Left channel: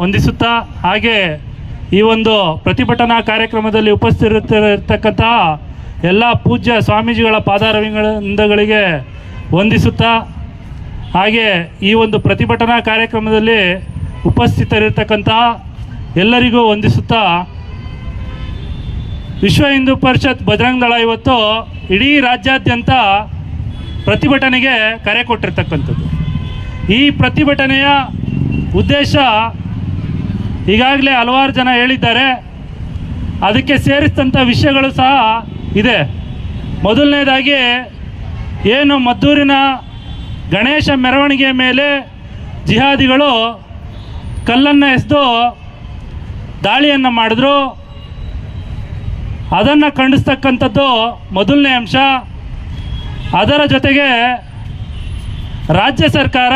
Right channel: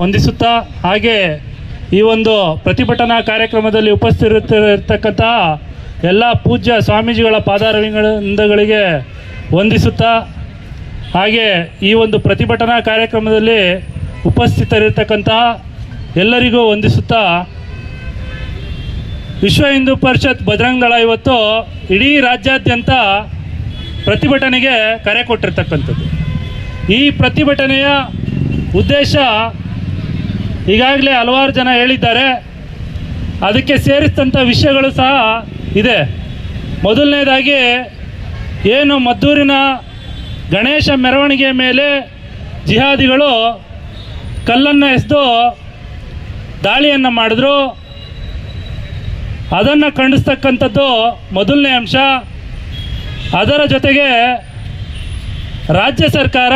ವಂದಿಸುತ್ತಾ ಹಾಗೆ ಈ ಒಂದು ಪ್ರತಿಭಟನಾ ಕಾರ್ಯಕ್ರಮದಲ್ಲಿ ಉಪಸ್ಥಿತರಿರ್ತಕ್ಕಂತಹ ಎಲ್ಲ ಪೂಜ್ಯ ಸ್ವಾಮೀಜಿಗಳ ಪಾದಾರವಿಂದಗಳಿಗೆ ವಂದಿಸುತ್ತಾ ಹಾಗೆ ಈ ಒಂದು ಪ್ರತಿಭಟನಾ ಕಾರ್ಯಕ್ರಮದಲ್ಲಿ ಉಪಸ್ಥಿತರಿರ್ತಕ್ಕಂತಹ ಎಲ್ಲರಿಗೂ ವಂದಿಸುತ್ತಾ ವಿಶ್ವ ಹಿಂದೂ ಪರಿಷತ್ ಭದ್ರಂಗಳ ಇವತ್ತು ಇಡೀ ರಾಜ್ಯಾದ್ಯಂತ ಪ್ರತಿಭಟನೆಗೆ ಕರೆ ಕೊಟ್ಟಿರ್ತಕ್ಕಂಥದ್ದು. ಈ ಪ್ರತಿಭಟನೆಯ ಉದ್ದೇಶ ಈಗಾಗಲೇ ಹಲವಾರು ಜನ ಹೇಳಿದ್ದಾರೆ. ಅದಕ್ಕೆ ಸೇರಿಸಿದಂಥ ವಿಷಯಗಳು ಸಹ ಇದೆ. ಮೊದಲನೇದಾಗಿ, ಏನು ಮದ್ದೂರಿನ ಗಣೇಶ ಮೆರವಣಿಗೆ ಮೇಲೆ ಜಿಹಾದಿಗಳು ಕಲ್ಲನ್ನು ಎಸೆದು ದಾಳಿಯನ್ನು ಮಾಡಿದ್ರು. ಅದನ್ನು ಖಂಡಿಸ್ತಕ್ಕಂಥದ್ದು ಮೊದಲನೇ ಅಂಶ. ಅದರ ಜೊತೆಗೆ ರಾಜ್ಯ ಸರ್ಕಾರ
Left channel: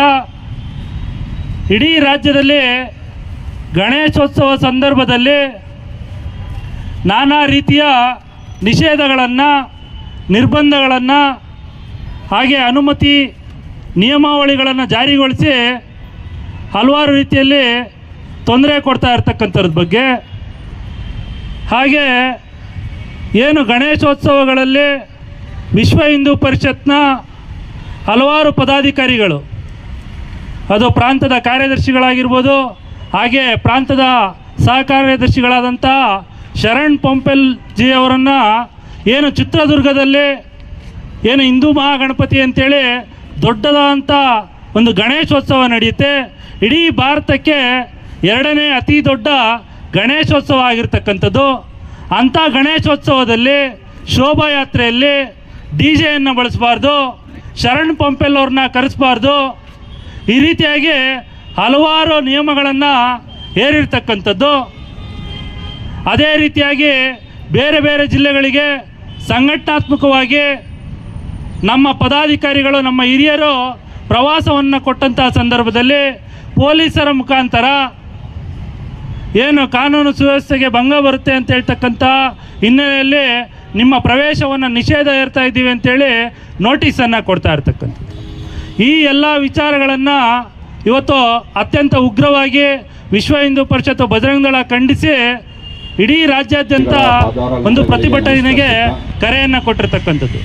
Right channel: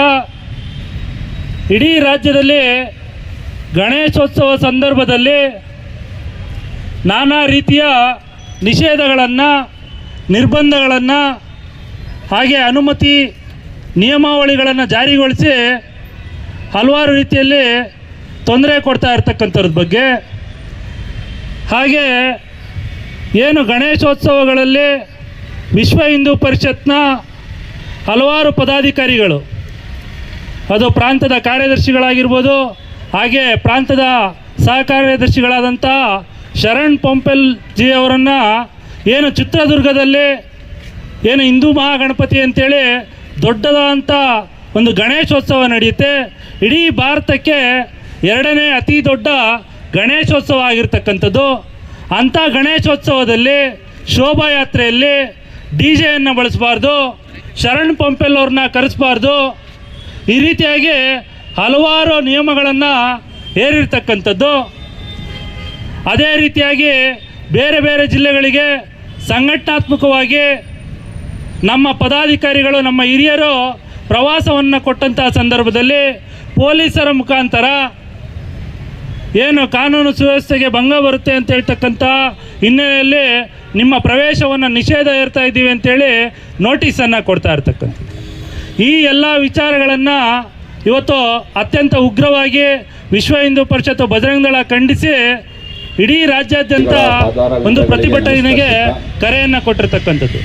ಇಡೀ ರಾಜ್ಯದಲ್ಲಿ ಗಣೇಶೋತ್ಸವ ಸಂದರ್ಭದಲ್ಲಿ ನಾನಾ ರೀತಿಯ ನಿಷೇಧಗಳನ್ನು, ನಿರ್ಬಂಧಗಳನ್ನು, ಹಾಗೆ ಅನುಮತಿ ನಿಯಮಾವಳಿಗಳನ್ನು ಜಾರಿಗೊಳಿಸಿ ಹಲವಾರು ರೀತಿಯಲ್ಲಿ ತೊಂದರೆ ಕೊಡ್ತಾ ಇರ್ತಕ್ಕಂಥದ್ರ ಬಗ್ಗೆ. ಹಾಗೆ ಏನು ಗಣೇಶೋತ್ಸವಗಳಲ್ಲಿ ವಿಶ್ವ ಹಿಂದೂ ಪರಿಷತ್ನ ಹಲವಾರು ಪದಾಧಿಕಾರಿಗಳು, ಅದು ಪ್ರಾಂತದ ಕಾರ್ಯದರ್ಶಿಗಳಾಗಿರ್ಬೋದು ಹಾಗೆ ಪ್ರಾಂತದ ಸಹಕಾರ್ಯದರ್ಶಿಗಳಾದಂಥ ಶರಣ್ ಪೊಂಪೆಲ್ ಜಿ ಅವರನ್ನು ಏನು ಚಿತ್ರದುರ್ಗದಲ್ಲಿ ಏನು ಹಿಂದೂ ಮಹಾಗಣಪತಿ ಅಂತೇಳಿ ದೊಡ್ಡದಾದಂಥ ಒಂದು ಗಣೇಶೋತ್ಸವ ನಡೆಯುತ್ತೆ. ಇಡೀ ಭಾರತಕ್ಕೆ ಎರಡನೇ ಅತಿ ದೊಡ್ಡ ಗಣೇಶೋತ್ಸವ ಆಗಿರ್ತಕ್ಕಂಥದ್ದು. ಅಂಥ ಗಣೇಶೋತ್ಸವದಲ್ಲಿ ಶೋಭಾಯಾತ್ರೆಯಲ್ಲಿ ಡಿ ಜೆಯನ್ನು ಬಳಸಬಾರ್ದು, ಶರಣ್ ಪಂಪೆಲ್ ಅವ್ರನ್ನ ಕರೆಸಬಾರ್ದು. ಈ ರೀತಿಯಾಗಿ ಹಲವಾರು ನಿಯಮಗಳನ್ನು ಹೇರಿರ್ತಕ್ಕಂಥದ್ದು. ಅದೇ ರೀತಿಯಾಗಿ ಬೇರೆ ಬೇರೆ ಜಿಲ್ಲೆಗಳಿಗೆ ಸಂಘಟನಾತ್ಮಕವಾಗಿ ನಮ್ಮ ಪದಾಧಿಕಾರಿಗಳು, ನಮ್ಮ ಹಿರಿಯರು ಪ್ರವಾಸವನ್ನು ಕೊಟ್ಟಂತಹ ಸಂದರ್ಭದಲ್ಲಿ ಪೊಲೀಸರ ಮುಖಾಂತರ ಏನು ಕಾನೂನು ಸುವ್ಯವಸ್ಥೆಗೆ ಭಂಗ ಬರುತ್ತೆ ಅಂತ ಹೇಳ್ತಕ್ಕಂಥ ಹಿನ್ನೆಲೆಯಲ್ಲಿ ನಿಮ್ಮ ಪ್ರವೇಶವನ್ನು ನಿಷೇಧ ಇರ್ತಾ ಇದ್ದೀವಿ ಅಂತೇಳಿ ನೋಟಿಸನ್ನು ಕೊಡ್ತಾ ಇರ್ತಕ್ಕಂಥದ್ದು. ಈ ಎಲ್ಲ ವಿಚಾರಗಳನ್ನು ಇವತ್ತು ಅತ್ಯಂತ ಉಗ್ರವಾಗಿ ವಿಶ್ವ ಹಿಂದೂ ಪರಿಷತ್ತು ಬಜರಂಗದಳ ಖಂಡಿಸಿ ಇಡೀ ರಾಜ್ಯಾದ್ಯಂತ ಒಂದು ಪ್ರತಿಭಟನೆಗೆ ಕರೆಯನ್ನು ಕೊಟ್ಟಿರ್ತಕ್ಕಂಥದ್ದು.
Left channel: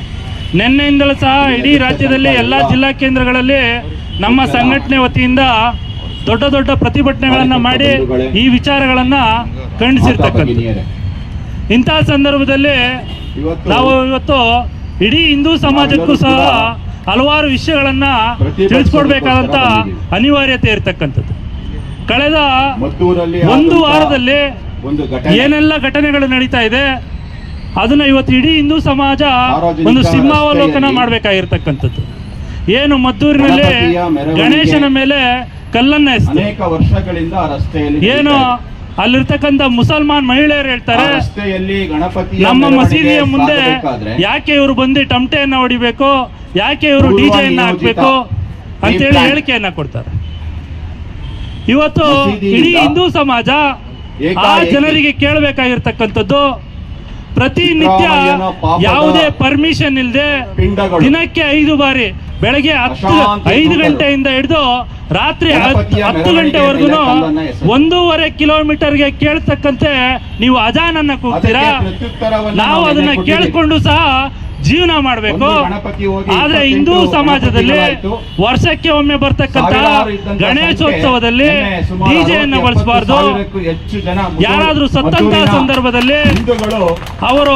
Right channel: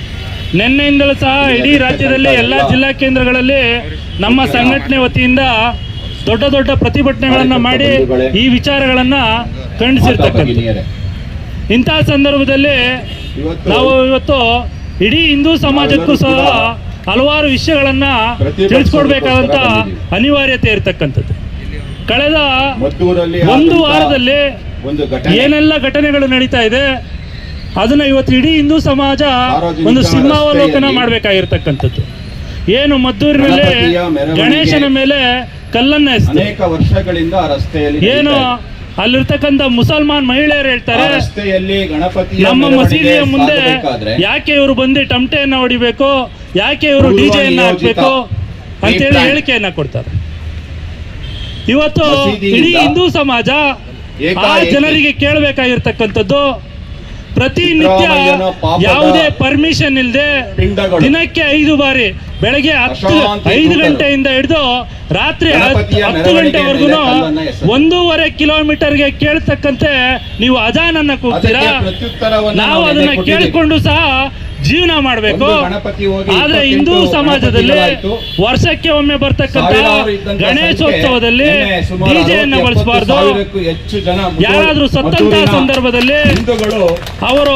ನಿನ್ನೆಯಿಂದಲೂ ಸಹ ಇಡೀ ರಾಜ್ಯದಲ್ಲಿ ಎಲ್ಲ ಜಿಲ್ಲಾ ಕೇಂದ್ರಗಳಲ್ಲಿ ನಮ್ಮ ಸಂಘಟನೆ ವತಿಯಿಂದ ದೊಡ್ಡ ದೊಡ್ಡ ಪ್ರತಿಭಟನೆಗಳನ್ನು ಮಾಡಿ ಈ ವಿಚಾರಗಳನ್ನು ಖಂಡಿಸಿರ್ತಕ್ಕಂಥದ್ದು. ಇಂತಹ ಸಂದರ್ಭದಲ್ಲಿ ನಾವು ಇವತ್ತು ಇಡೀ ಹಿಂದೂ ಸಮಾಜಕ್ಕೂ ಸಹ ಹಲವಾರು ವಿಷಯಗಳನ್ನ ತಿಳಿಸ್ಕೊಡ್ಬೇಕಾದಂತ ಅನಿವಾರ್ಯತೆ ಇರತಕ್ಕಂಥದ್ದು. ಕಳೆದ ಒಂದು ವಾರದಲ್ಲಿ ಏನೆಲ್ಲ ಘಟನೆಗಳು ನಡೀತಾ ಇದೆ ಅದನ್ನ ಇವತ್ತು ಇಡೀ ಹಿಂದೂ ಸಮಾಜ ಒಂದು ಸಿಂಹಾವಲೋಕನ ಮಾಡ್ಬೇಕಾಗಿರ್ತಕ್ಕಂಥದ್ದು. ಏನು ಮದ್ದೂರಿನಲ್ಲಿ ಗಣೇಶನ ಮೇಲೆ ಕಲ್ಲನ್ನ ಅನೇಕ ವರ್ಷಗಳಿಂದ ರಸ್ತೆಯಲ್ಲಿ ಏನು. ಅಲ್ಲಿರ್ತಕ್ಕಂಥ ಮುಸಲ್ಮಾನ್ ಮಹಿಳೆಯರು ಹೇಳ್ತಾರೆ ನಮ್ಮ ಮಸೀದಿಯ ಮುಂದೆ ಯಾಕೆ ಇವರು ಬಂದು ಟಮಟೆಯನ್ನ ಹೊಡಿಬೇಕು ಯಾಕೆ ಇವರು ಡಿಜೆ ಡಿಜೆಯನ್ನ ಹಾಕ್ಬೇಕು ಅಂತೇಳಿ. ಹೇಳಿಕೆಯನ್ನ ಕೊಡ್ತಾರೆ ಇವತ್ತು ಇಡೀ ಹಿಂದೂ ಸಮಾಜ ಆ ಜನರಿಗೆ ಕೇಳಬೇಕಾಗಿರ್ತಕ್ಕಂಥದ್ದು ಪ್ರತಿನಿತ್ಯ ಯಾವುದೇ ಪರ್ಮಿಷನ್ ಇಲ್ಲದೆ ದಿನಕ್ಕೆ ಐದು ಬಾರಿ ಬೆಳಗ್ಗೆ ಹತ್ತು ಐದು ಗಂಟೆಯಿಂದ ಹಿಡಿದು ರಾತ್ರಿ ಹತ್ತು ಗಂಟೆವರೆಗೂ. ಒಂದೂವರೆ ಕಿಲೋಮೀಟರ್ಗೆ ಕೇಳ್ತಕ್ಕಂತೆ ನೀವು ಅಜಾನನ್ನ ಕೂಗ್ತೀರಾ? ನಾವು ಅದನ್ನ ಕೇಳಿಕೊಂಡು ಸಹ ಜೀವನ ಮಾಡಬೇಕು. ಆದ್ರೆ ಹಿಂದೂ ಸಮಾಜದಲ್ಲಿ ವರ್ಷಕ್ಕೆ ಒಮ್ಮೆ ಬರ್ತಕ್ಕಂತ ಗಣೇಶೋತ್ಸವದಲ್ಲಿ ಡಿಜೆಯನ್ನು ಬಳಸಬಾರ್ದು. ಯಾರಾದ್ರೂ ಸತ್ತಂತ ಸಂದರ್ಭದಲ್ಲಿ ಅವರು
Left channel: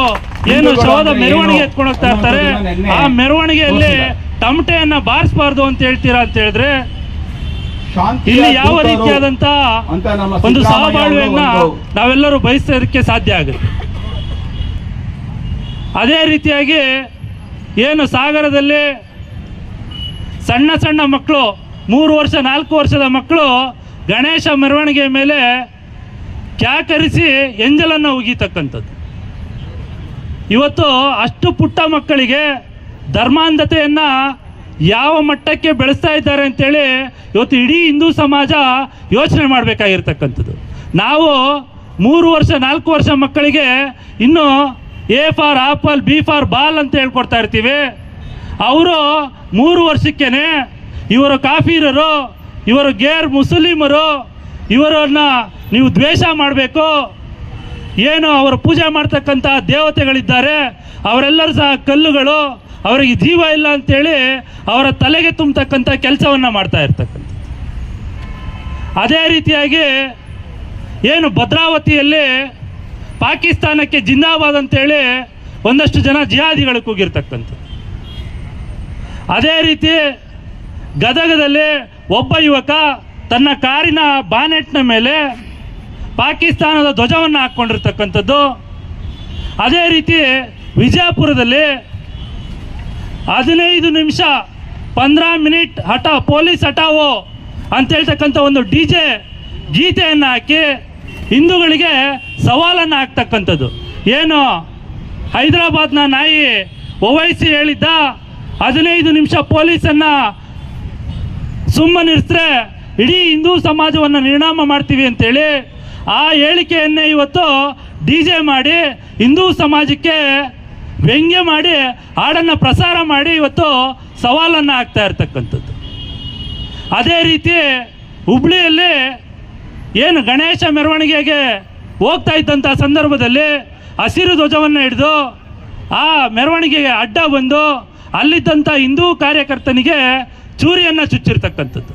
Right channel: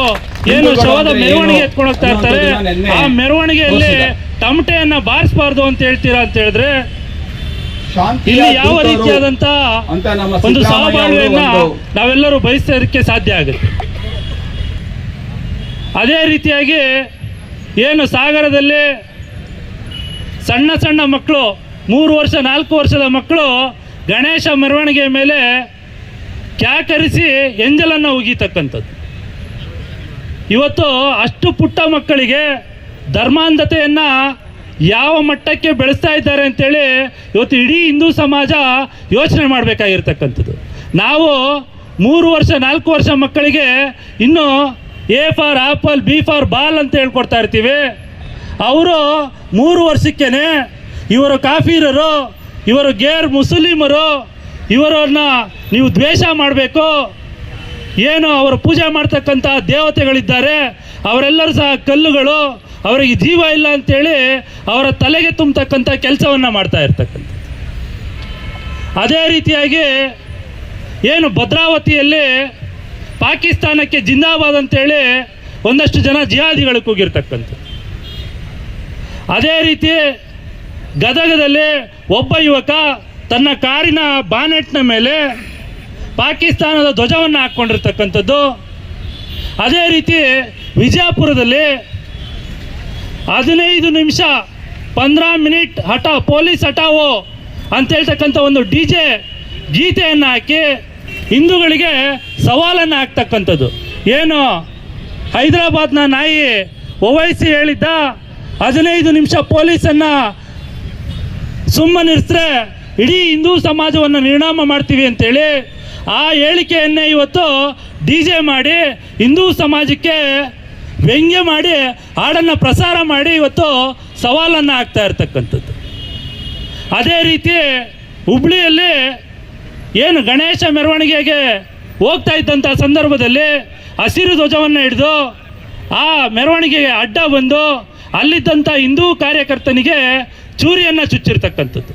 ಏನು ಶೋಧ ಮೆರವಣಿಗೆ ಎತ್ಕೊಂಡೋಗ್ತಾ ಎತ್ಕೊಂಡು ಹೋಗ್ತಾ ಇರ್ತಾರೆ. ಆ ಮೆರವಣಿಗೆಯಲ್ಲಿ. ತಮಟೆಯನ್ನ ಬಾರಿಸಬಾರ್ದು ಅಂತ ಹೇಳ್ತೀರಾ ಅಂತ ಹೇಳಿದ್ರೆ ಇಲ್ಲಿ ಯಾವ ರೀತಿಯಾದಂತ ಒಂದು ಸಹಬಾಳ್ವೆಯನ್ನ ನಾವೆಲ್ಲರೂ ಬಯಸೋದಕ್ಕೆ ಸಾಧ್ಯ ಆಗುತ್ತೆ. ಅದೇ ರೀತಿಯಾಗಿ ಏನು ಸಾಗರದಲ್ಲಿ ಸಣ್ಣ ಸಣ್ಣ ಮಕ್ಕಳು ಮೂರು ವರ್ಷ ನಾಲ್ಕು ವರ್ಷದ ಮಕ್ಕಳು ಗಣೇಶ ಮೆರವಣಿಗೆ ಮೇಲೆ ಕ್ಯಾಕರಿಸಿ ಎಂಜಲನ್ನು ಉಗಿತಕ್ಕಂಥದ್ದು. ಇವತ್ತು ಅಷ್ಟು ಪುಟ್ಟ ಮಕ್ಕಳಿಗೆ ಧರ್ಮಾಂಧತೆಯನ್ನ ಯಾವ ಮಟ್ಟಕ್ಕೆ ಬೆಳೆಸ್ತಾ ಇದ್ದಾರೆ ಅಂತೇಳಿ ಇವತ್ತು ಇಡೀ ಹಿಂದೂ ಸಮಾಜ ಯೋಚನೆ ಮಾಡಬೇಕಾಗಿರ್ತಕ್ಕಂಥದ್ದು. ನಾವು ಮೂರು ವರ್ಷ, ನಾಲ್ಕು ವರ್ಷ ಮಕ್ಕಳಿಗೆ ಇನ್ನು A for apple, B for ball ಅಂತ ಹೇಳ್ಕೊಡ್ತಾ ಇರ್ತೀವಿ. ಅವರು ಮೂರು ವರ್ಷಕ್ಕೇನೆ ಇವರು ಕಾಫೀರರು, ಇವರು ಗೇರ್ ಮುಸ್ಲಿಮರು, ಇವರನ್ನ ನೀವು ದ್ವೇಷ ಮಾಡಬೇಕು. ಏನು ಅವರು ಪೂಜೆ ಮಾಡ್ತಕ್ಕಂಥ ದೇವತೆಗಳಿದ್ದಾರೆ, ಅವರೆಲ್ಲರೂ ಸಹ ಕಲ್ಲುಗಳು. ಅವರಿಗೆ ಜೀವ ಇಲ್ಲ ಅಂತೇಳಿ ಅವರ ತಲೆಗೆ ತುಂಬತಕ್ಕಂಥ ಕೆಲಸವನ್ನು ಮಾಡ್ತಾ ಇರ್ತಕ್ಕಂಥ ಅದೇ ರೀತಿಯಾಗಿ ಏನು ಭದ್ರಾವತಿಯಲ್ಲಿ ಪಾಕಿಸ್ತಾನಕ್ಕೆ ಜಿಂದಾಬಾದ್ ಅಂತೇಳಿ ಒಂದಷ್ಟು ಜನ ಜಿಹಾದಿಗಳು ಕೂಗಿರ್ತಕ್ಕಂಥ ಅದೇ ರೀತಿ ಗದಗದಲ್ಲಿ ಒಬ್ಬ ಯುವಕ ತನ್ನ ಕಾರಿನ ಬಾನೆಟ್ನ ಮೇಲೆ ಪಾಕಿಸ್ತಾನದ ಧ್ವಜವನ್ನು ಹಾಕ್ಕೊಂಡಿರ್ತಕ್ಕಂಥದ್ದು. ಅದೇ ರೀತಿ ವಿಜಯಪುರದಲ್ಲಿ ಹದಿನೈದು ನಿಮಿಷ, ಪಂದ್ರ ಮಿನಿಟ್ ಹಠ, ಪೊಲೀಸ್ ಹಠಾವೋ ಅಂತ ಹೇಳ್ತಕ್ಕಂಥ ಒಂದು ಡಿ ಜೆ ಗೀತೆಯನ್ನು ಹಾಕಿ ಹಿಂದೂಗಳಿಗೆ ಸವಾಲನ್ನು ಹಾಕ್ತಕ್ಕಂಥದ್ದು. ಏನು? ಹೈದರಾಬಾದ್ನ ನಾಯಿ ಒವೈಸಿ ಹೇಳಿದ್ದ ಹದಿನೈದು ನಿಮಿಷ ಪೊಲೀಸನ್ನು ಸುಮ್ಮನಿರಿಸಿದ್ರೆ ಇಡೀ ಹಿಂದೂ ಸಮಾಜವನ್ನು ನಿರ್ಣಾಮ ಮಾಡ್ತೀವಿ ಅಂತೇಳಿ ಆ ಹೇಳಿಕೆಯನ್ನೇ ಇವತ್ತು ಡಿ ಜೆ ಮಾಡಿ ಹಿಂದೂ ಸಮಾಜಕ್ಕೆ ವ್ಯಂಗ್ಯ ಮಾಡಿ, ಹಾಡನ್ನು ಪ್ರಸಾರ ಮಾಡಿ ಇವತ್ತು ಸವಾಲನ್ನು ಹಾಕ್ತಾ ಇರ್ತಕ್ಕಂಥದ್ದು. ಅದೇ ರೀತಿ ಹುಬ್ಳಿಯಲ್ಲಿ ಏನು ಗಣೇಶ ಮೆರವಣಿಗೆಗೆ ಹೋಗ್ತಾ ಇದ್ದಂಥ ಸಂದರ್ಭದಲ್ಲಿ ಹಸಿರು ಧ್ವಜವನ್ನು ಹಿಡಿದು ಆ ಮೆರವಣಿಗೆಗೆ ಅಡ್ಡ ಬಂದು ಅಲ್ಲಿದ್ದಂಥ ಹಿಂದೂ ಕಾರ್ಯಕರ್ತನಿಗೆ ಚೂರಿಯನ್ನು ಚುಚ್ಚಿರ್ತಕ್ಕಂಥದ್ದು.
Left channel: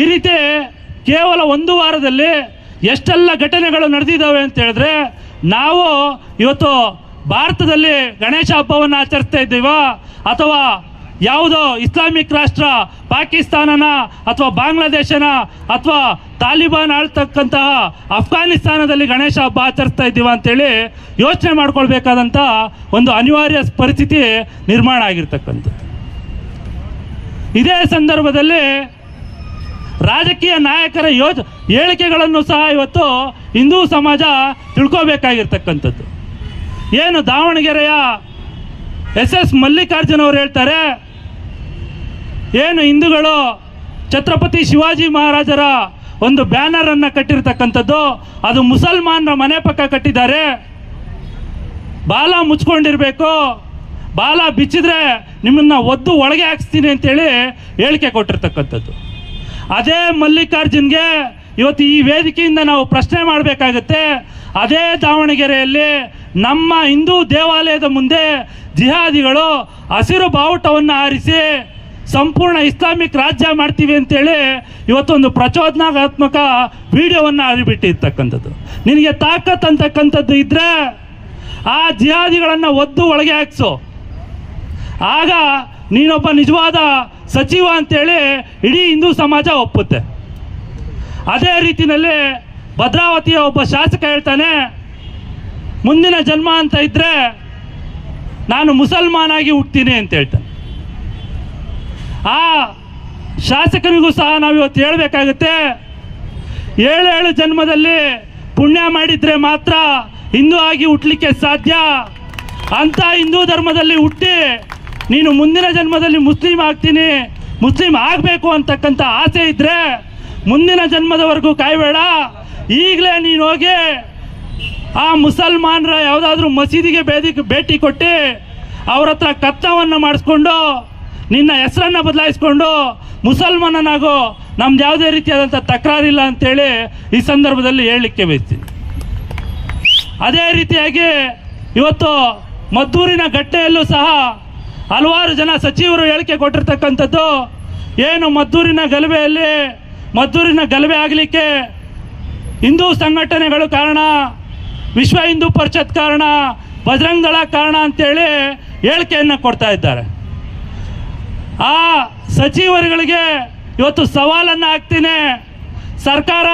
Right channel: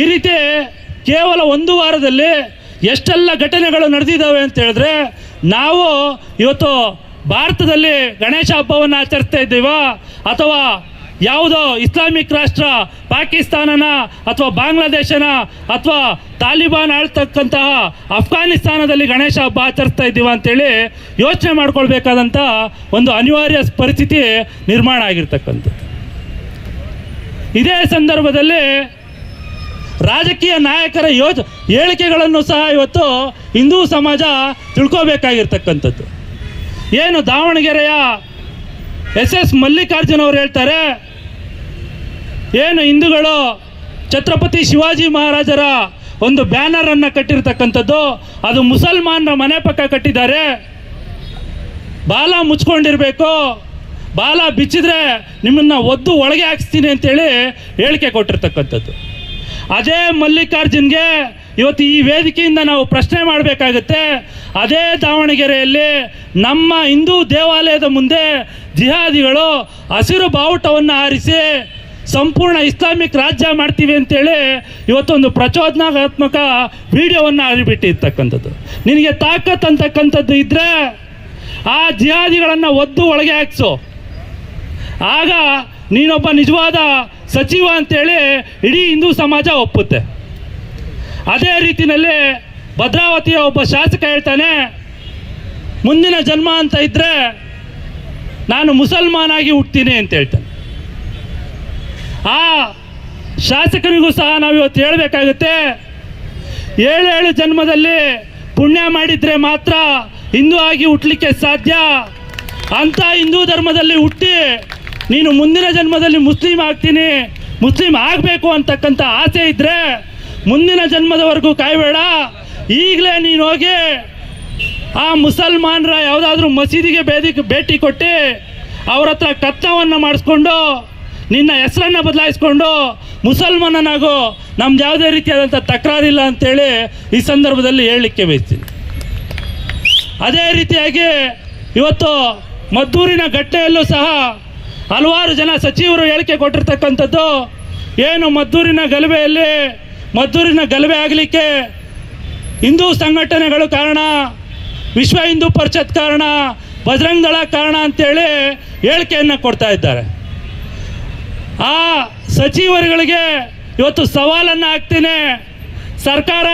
ಈ ರೀತಿ ಕೇವಲ ಒಂದು ವಾರದಲ್ಲಿ ಎಷ್ಟೆಲ್ಲ ಘಟನೆಗಳು ನಡೆದಿದ್ದಾವೆ ಅಂತ ಹೇಳಿದ್ರೆ ನಾವು ಇವತ್ತು ಭಾರತದಲ್ಲಿ ಗಣೇಶ ಹಬ್ಬವನ್ನು ಆಚರಿಸ್ತಾ ಇದ್ದೀವ? ಅಥವಾ ಯಾವುದೋ ಇಸ್ಲಾಮಿಕ್ ರಾಷ್ಟ್ರ ಪಾಕಿಸ್ತಾನನ ಅಥವಾ ಬಾಂಗ್ಲಾದೇಶನ ಅಥವಾ ತಾಲಿಬಾನ್ ಆಳ್ತಕ್ಕಂತಹ ಅಫ್ಘಾನಿಸ್ತಾನದಲ್ಲಿ ಗಣೇಶ ಹಬ್ಬ ಆಚರಿಸ್ತಾ ಇದ್ದೀವ ಅಂತೇಳಿ ಯೋಚನೆ ಮಾಡ್ಕೊಳ್ಬೇಕಾದಂಥ ಒಂದು ಅನಿವಾರ್ಯ ಪರಿಸ್ಥಿತಿ ನಿರ್ಮಾಣ ಆಗಿರ್ತಕ್ಕಂಥದ್ದು. ಇದೇ ಸಂದರ್ಭದಲ್ಲಿ ರಾಜಕೀಯ ನಾಯಕರ ಯೋಜ ಹೇಳಿಕೆಗಳನ್ನು ಸಹ ಇವತ್ತು ಹಿಂದೂ ಸಮಾಜ ತಿಳ್ಕೋಬೇಕಾಗಿರ್ತಕ್ಕಂಥದ್ದು. ಏನು ದಾವಣಗೆರೆಯ ಎಸ್ ಎಸ್ ಮಲ್ಲಿಕಾರ್ಜುನ್ ಅವರು ಹೇಳ್ತಾರೆ, ಏನು ಹಿಂದೂಗಳು ಛತ್ರಪತಿ ಶಿವಾಜಿ ಮಹಾರಾಜರ ಒಂದು ಬ್ಯಾನರ್ ಅನ್ನು ಕಟ್ಟಿರ್ತಕ್ಕಂಥದ್ದು, ಅದು ಮುಸಲ್ಮಾನರ ಮನೆ ಪಕ್ಕ ಕಟ್ಟಿದ್ದಾರೆ. ಬಾಲ ಮುಚ್ಕೊಂಡಿರ್ಬೇಕು, ಬಾಲ ಬಿಚ್ಚಿದ್ರೆ ನಿಮ್ಮನ್ನ ಒದ್ದು ಒಳಗೆ ಹಾಕ್ಸ್ತೀನಿ ಅಂತೇಳಿ ಹೇಳಿಕೆ ಕೊಟ್ಟಿರ್ತಕ್ಕಂಥದ್ದು. ಅದೇ ಮಲ್ಲಿಕಾರ್ಜುನ್ಗೆ ಇವತ್ತು ಈ ವೇದಿಕೆಯಿಂದ ನಾವು ಪ್ರಶ್ನೆ ಮಾಡಬೇಕಾಗತ್ತೆ. ಅದೇ ದಾವಣಗೆರೆಯಲ್ಲಿ ನಮ್ಮ ಹಿಂದೂ ದೇವಾಲಯದ ಮುಂದೆ ಜಿಹಾದಿಗಳು ಹಸಿರು ಬಾವುಟವನ್ನು ಆರಿಸಿ ಸಂಪೂರ್ಣ ಇಸ್ಲಾಮಿಕ್ ರಾಜ್ಯ ಮಾಡ್ತೀವಿ ಅಂತೇಳಿ ಇವತ್ತೊಂದು ಪ್ರಚೋದನಾತ್ಮಕ ವಿಡಿಯೋವನ್ನು ಹರಿಬಿಟ್ಟಿರ್ತಕ್ಕಂಥದ್ದು. ನಿನಗೆ ತಾಕತ್ ಅಂತಕ್ಕಂಥದ್ದು ಇದ್ರೆ ಆ ಜಿಹಾದಿಗಳನ್ನು ಒದ್ದು ಒಳಗೆ ಹಾಕ್ಸು. ಆಗ ನೀನೊಬ್ಬ ನಿಜವಾದ ಸಚಿವ ಅಂತೇಳಿ ಇಡೀ ಹಿಂದೂ ಸಮಾಜ ಒಪ್ಪುತ್ತೆ. ಅದೇ ರೀತಿಯಲ್ಲಿ ಭದ್ರಾವತಿಯ ಒಬ್ಬ ಶಾಸಕ ಹೇಳ್ತಾನೆ, ಮುಂದಿನ ಜನ್ಮ ಅಂತ ಇದ್ರೆ ನಾನು ಮುಸಲ್ಮಾನಾಗಿ ಹುಟ್ತೀನಿ ಅಂತ ಹೇಳ್ತಾನೆ. ಆ ಶಾಸಕರಿಗೂ ಸಹ ನಾವು ಇವತ್ತು ಹೇಳಬೇಕಾಗುತ್ತೆ, ಏಳು ಜನ್ಮದಲ್ಲಿ ಪುಣ್ಯ ಮಾಡಿದ್ರೆ ಮಾತ್ರ ಹಿಂದೂ ಆಗಿ ಹುಟ್ಟಲಿಕ್ಕೆ ಸಾಧ್ಯ. ಅಂತ ಹಿಂದೂ ಧರ್ಮದಲ್ಲಿ ಹುಟ್ಟಿ ನೀನು ಮುಂದಿನ ಜನ್ಮದಲ್ಲಿ ಮುಸ್ಲಿಂ ಆಗ್ತೀನಿ, ಮುಸ್ಲಿಂ ಆಗಬೇಕು ಅಂತಕ್ಕಂಥ ಆಸೆ ಇದ್ರೆ ಮುಂದಿನ ಜನ್ಮದವರೆಗೂ ಕಾಯಬೇಡ. ಈಗಲೇ ನೀನು ಹೋಗಿ ಆ ಮುಸಲ್ಮಾನರ ಯಾವುದಾದ್ರೂ ಮಸೀದಿಗೆ ಬೇದಿ ಭೇಟಿ ಕೊಟ್ಟು ಅವ್ರ ಹತ್ರ ಕತ್ತವನ್ನು ಮಾಡಿಸ್ಕೊಂಡು, ನಿನ್ನ ಹೆಸರನ್ನು ಬದಲಾಯಿಸ್ಕೊಂಡು ಮುಸಲ್ಮಾನನಾಗೋ. ನಮ್ದು ಯಾವುದೇ ರೀತಿಯಾದಂಥ ತಕರಾರಿಲ್ಲ ಅಂತೇಳಿ ಈ ಸಂದರ್ಭದಲ್ಲಿ ಹೇಳಲಿಕ್ಕೆ ಬಯಸ್ತೀನಿ. ಅದೇ ರೀತಿಯಾಗಿ ಇವತ್ತು ಮದ್ದೂರಿನ ಗಟ್ಟೆಯಲ್ಲೂ ಸಹ ಹಲವಾರು ಜನ ಸಚಿವರು ಹೇಳಿಕೆ ಕೊಟ್ಟಿರ್ತಕ್ಕಂಥದ್ದು, ಏನು ಮದ್ದೂರಿನ ಗಲಭೆಯಲ್ಲಿ, ಮದ್ದೂರಿನ ಗಲಭೆ ಆಗಲಿಕ್ಕೆ ಹಿಂದೂ ಸಂಘಟನೆಗಳು ಕಾರಣ, ವಿಶ್ವ ಹಿಂದೂ ಪರಿಷತ್ ಕಾರಣ, ಬಜರಂಗ್ ಕಾರಣ ಅಂತೇಳಿ ಹೇಳಿಕೆಯನ್ನು ಕೊಡ್ತಾ ಇದ್ದಾರೆ. ಆ ಸಚಿವರುಗಳಿಗೆ ಇವತ್ತು ಸವಾಲನ್ನು ಹಾಕ್ತೀನಿ. ಸರ್ಕಾರ